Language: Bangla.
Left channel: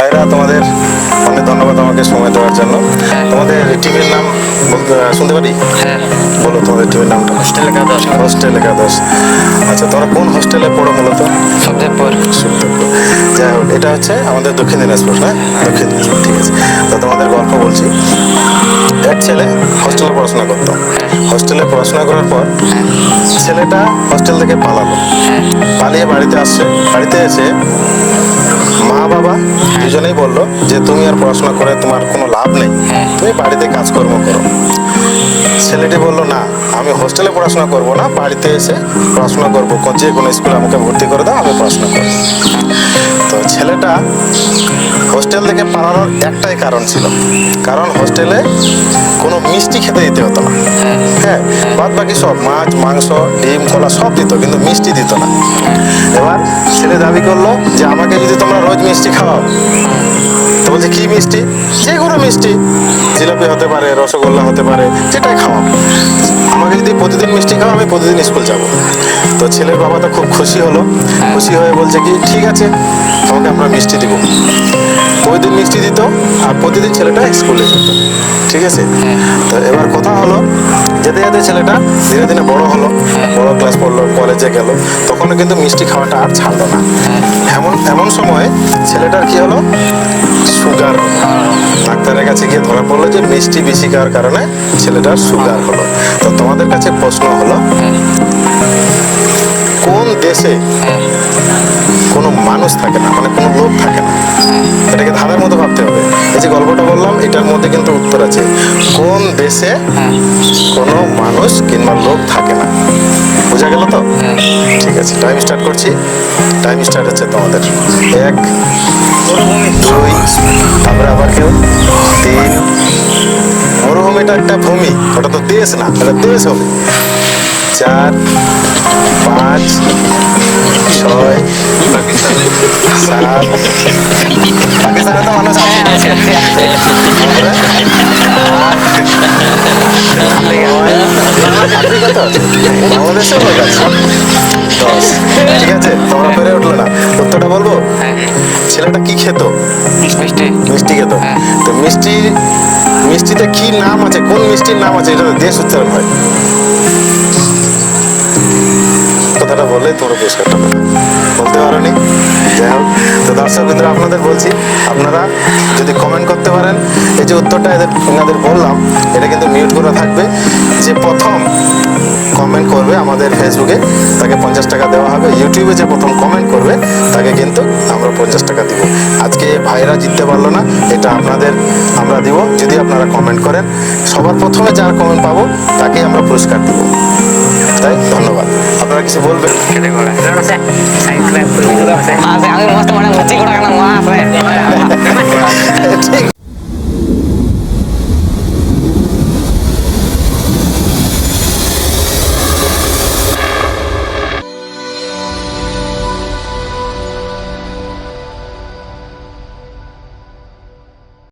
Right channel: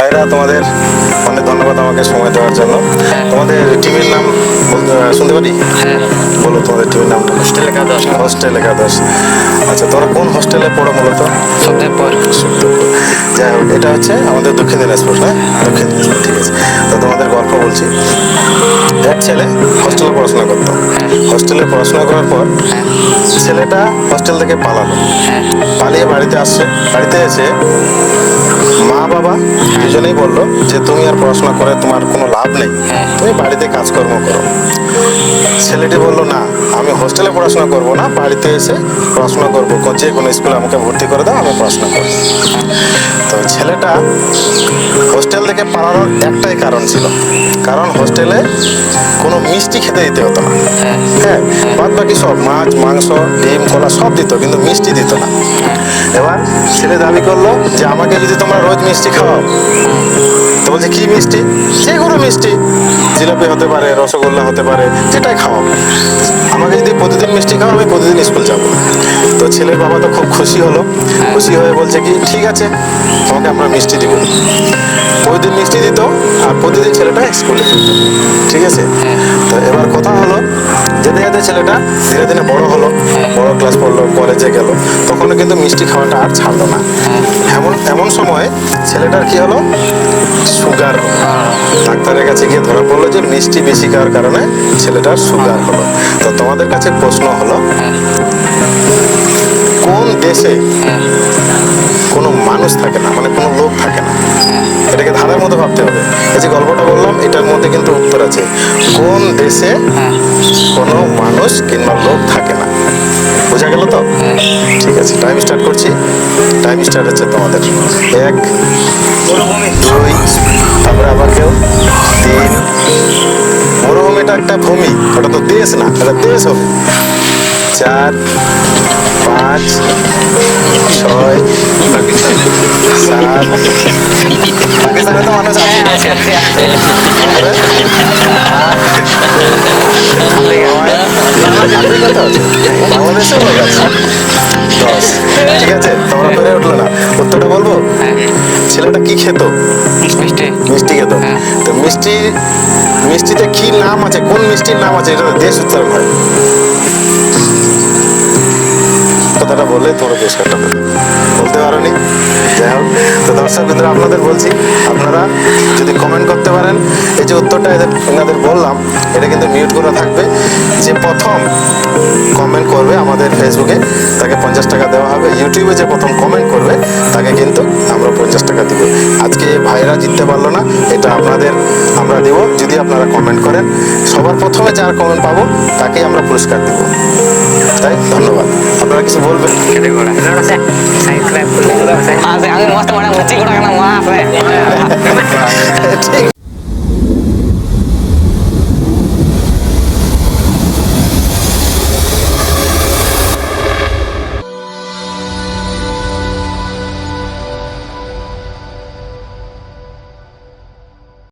ভাইরা তোমাদের অনেক ধন্যবাদ আমাকে সময় দেওয়ার জন্য। তোমাদের টিমের নাম শুনতে পারি? হ্যাঁ। বলো তোমাদের টিমের নামটা। হোস্টেল একাদশ। হোস্টেল একাদশ। আচ্ছা তোমরা কোন হোস্টেলে পড়ো মূলত? সুখদেবপুর। সুখদেবপুর। যাই হোক এটা হচ্ছে আমাদের দক্ষিণ দিনাজপুর হ্যাঁ। দক্ষিণ দিনাজপুর ঠিক আছে। তো তোমাদের গল্প বলছি। এক ছেলে হোস্টেলে পড়াশোনা করতো। হোস্টেলে পড়াশোনা করার পর ছেলেটা হোস্টেল থেকে পালালো। হ্যাঁ। পালিয়ে বাড়িতে আসছে। বাড়িতে এসে মা বাবা দুজনেই বলল যে তুমি আর পড়াশোনা করে তোমার কোনো লাভ নেই। হ্যাঁ। তুমি বাড়িতে কাজকর্ম করো। ছেলেটি বলল না আমি হোস্টেলে পড়াশোনা করব না বাড়িতে এসে পড়াশোনা করব। যে কোনো স্কুলে আমাকে ভর্তি করে দাও আমি পড়াশোনা করব। তো ছেলেটা হোস্টেল থেকে পালানোর একটাই কারণ ছিল। কারণ হোস্টেলে কোনো মিষ্টি খেতে দিতে হতো না। হ্যাঁ বাদ বাকি সব মাছ, মাংস, ডিম, কলা সব দিত, কিন্তু মিষ্টি দিত না। এবার ছেলে দাবি করল যে, আমাকে যদি তোমরা রোজ মিষ্টি খাওয়াও। তো বলছে, কী মিষ্টি? যে কোনো মিষ্টি। জিলাপি হতে পারে, রসগোল্লা হতে পারে, যেটাই খাওয়াও। আমাকে যদি প্রতিদিন মিষ্টি খাও আমি প্রতিদিন স্কুল যাব। তো ছেলের বাবা তো খুব খুশি হলো। খুশি হয়ে বলছে কি ঠিক আছে তোমাকে আমরা মিষ্টি দিব। প্রতিদিন মিষ্টি দিত আর প্রতিদিন ছেলেটা স্কুলে যেত। ঠিক আছে? হ্যাঁ। তো এবার কথা হলো যেতে যেতে ছেলেটা ধীরে ধীরে বড় হলো বড় ক্লাস পড়ল কলেজে গেল। তখনও কিন্তু মিষ্টি খাওয়াটা আর ছাড়লো না। হ্যাঁ। এমন এমন সময় ছেলেটার কি হলো? সুগার। হলো ডাক্তারের কাছে গিয়ে ধরা পড়ল যে মিষ্টি বেশি খাওয়ার কারণে ছেলেটার সুগার হলো। তো তোমাদের কাছে প্রশ্ন হলো হ্যাঁ। কোন দেশে কোনো মানুষ থাকে না মানে কোনো লোক থাকে না? এটাকে ধাঁধার মতো ভাবতে হবে। এই যে গল্পটা বললাম, এটার মধ্যে কিন্তু উত্তর আছে। কোন দেশে কোনো মানুষ কিংবা লোক থাকে না? বোঝা গেল তো? ঠিক আছে টাইম স্টার্ট করছি। টাইম স্টার্ট হচ্ছে তোমাদের। এক, দুই, তারপরে আবার কেউ। তিন, মরুভূমিটা একটা ভূমি, ওটা তো দেশ না, এটা দেশ হবে। চার পাঁচ ছয় সাত। পাকিস্তানে তো মানুষ আছে। বাংলাদেশেও লোক দশ। ঠিক আছে তোমরা পেরে উঠল না। উত্তরটা বলব? ছেলেটা কি খেত? মিষ্টি। মিষ্টি খেত। হ্যাঁ। তো মিষ্টি মিষ্টিতে কি নাম আছে? কোন মিষ্টির নাম আছে? এটা দেশ উচ্চারণ হয়। কথাটা বললে তোমরা পুরস্কারটা বলতে পারোনি? যাই হোক, তো দর্শক বিন্দু আপনাদের বলছি, আপনারা যদি কমেন্ট করতে পারেন, এই যে উত্তরটা এদের এনাদের বললাম, এটা কিন্তু মিউট করা থাকবে। যে প্রথম কমেন্ট করবে আমাদের ফেসবুকে তাকে পঞ্চাশ টাকা দেওয়া হবে। ইউটিউবে যে প্রথম কমেন্ট করবে, তাকে কিন্তু আমরা পঞ্চাশ টাকা দিব। আজকে ভাইরা জিততে পারল না, এটা আপনাদের আমরা দিব। যদি আপনারা কমেন্ট করেন, সবার প্রথমে যার কমেন্ট পাবো, তাকেই আমরা পুরস্কার দিব। তাই, ধন্যবাদ। আপনারা কিছু বলবেন কেটে আছে আমি মস্ত মানে মুচি ঘোড়া কেন? মা আছে